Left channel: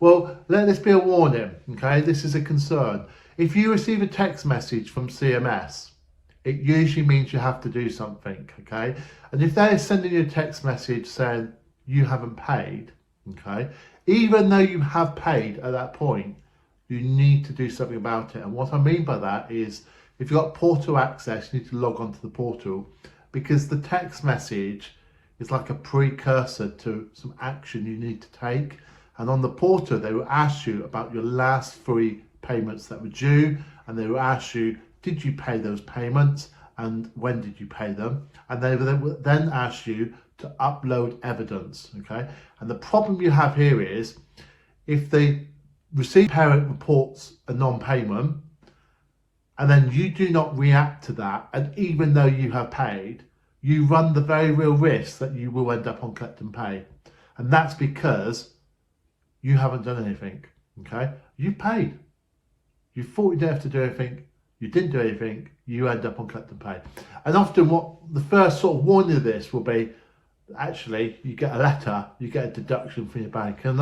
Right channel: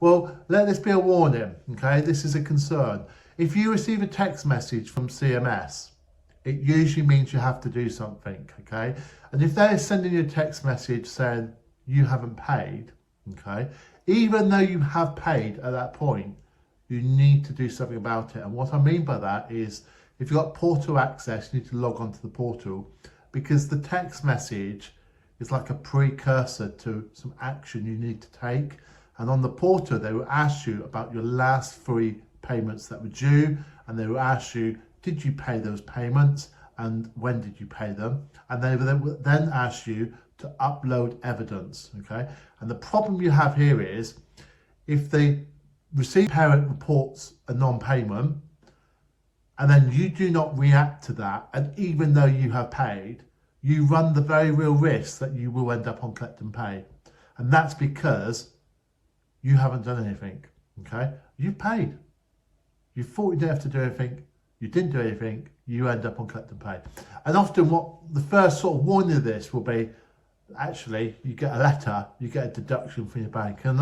Well, let this be a warning, okay? This is a concern. If you receive a text message from CMS, it usually means you have to do something, okay? And if they're sending you a text message saying you haven't paid, okay, even though you have paid at that point, you need to do something about it. And what I mean by that is if you've got portal access, you need to log onto the portal, because the text message is like a precursor to some action you need to take. And on the portal, they will ask you about your last 3 payments that were due, and they will ask you, did you pay those payments and when did you pay them? And they will then ask you to upload evidence, okay? And the problem you have here is if the receiving parent reports a non-payment and then you do not react to that, and even though you have paid, you run the very real risk that you will end up on collect and pay. And that's because you haven't done anything, okay? You've paid. You thought you didn't have to do anything. You didn't do anything. You end up on collect and pay. And often what the first sort of warning of this will be, actually, you get a letter, you get a deduction from your bank. And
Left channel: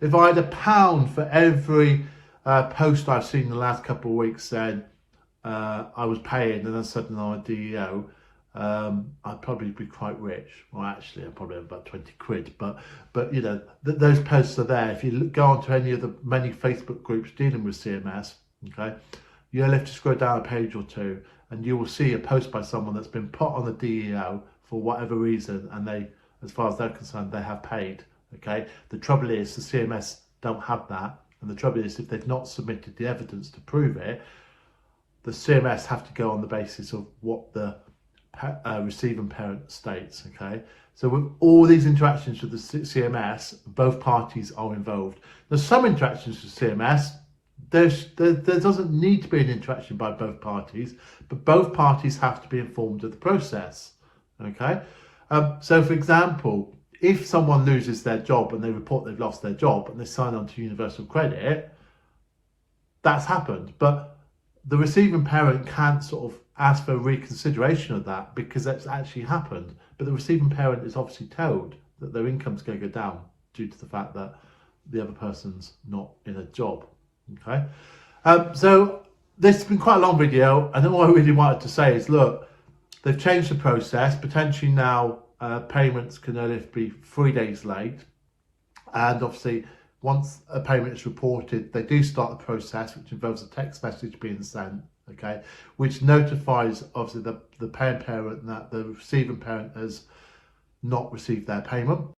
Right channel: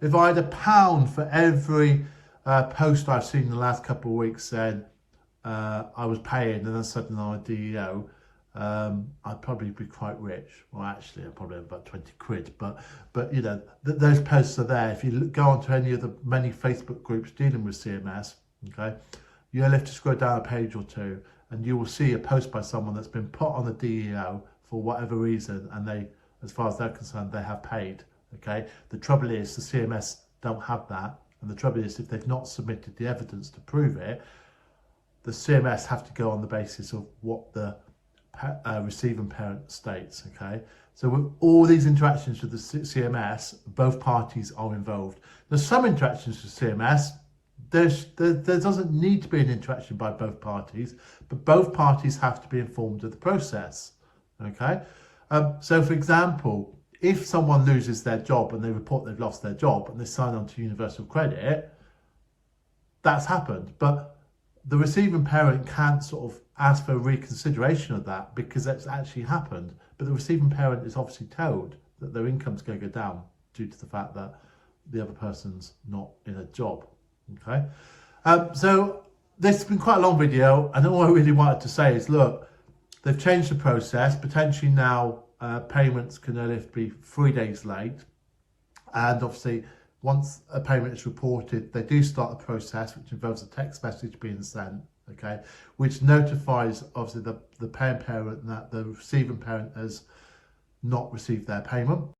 if I had £1 for every post I've seen in the last couple of weeks saying I was paying and then suddenly I'm a DEO, I'd probably be quite rich. Well, actually, I'd probably have about 20 quid. But you know, those posts are there. If you go onto any of the many Facebook groups dealing with CMS, okay, you'll have to scroll down a page or two, and you will see a post by someone that's been put on a DEO for whatever reason, and they, as far as they're concerned, they have paid. Okay. The trouble is the CMS don't have that, and the trouble is if they've not submitted the evidence to prove it, the CMS have to go on the basis of what the receiving parent states. Okay, so with all these interactions with the CMS, both parties are involved. There's some interactions with CMS, there doesn't need to be an interaction by both parties, but both parties have to be informed of the process. Okay, so for example, if someone loses their job and they report they've lost their job and they sign on to universal credit, that's happened, but the receiving parent can't sort of ask for a reconsideration of that because that's actually happened. But the receiving parent is obviously told that their income's going to go down due to the fact that the other person's not in a job. Okay, so this has been quite a long video, and all I really wanted to say is, look, they've changed the process. Potentially now payments can only be 3 days late, and obviously once a payment is reported, they do start the process, which involves a text message being sent, okay, which notifies obviously the paying parent that the receiving parent has not received their payment.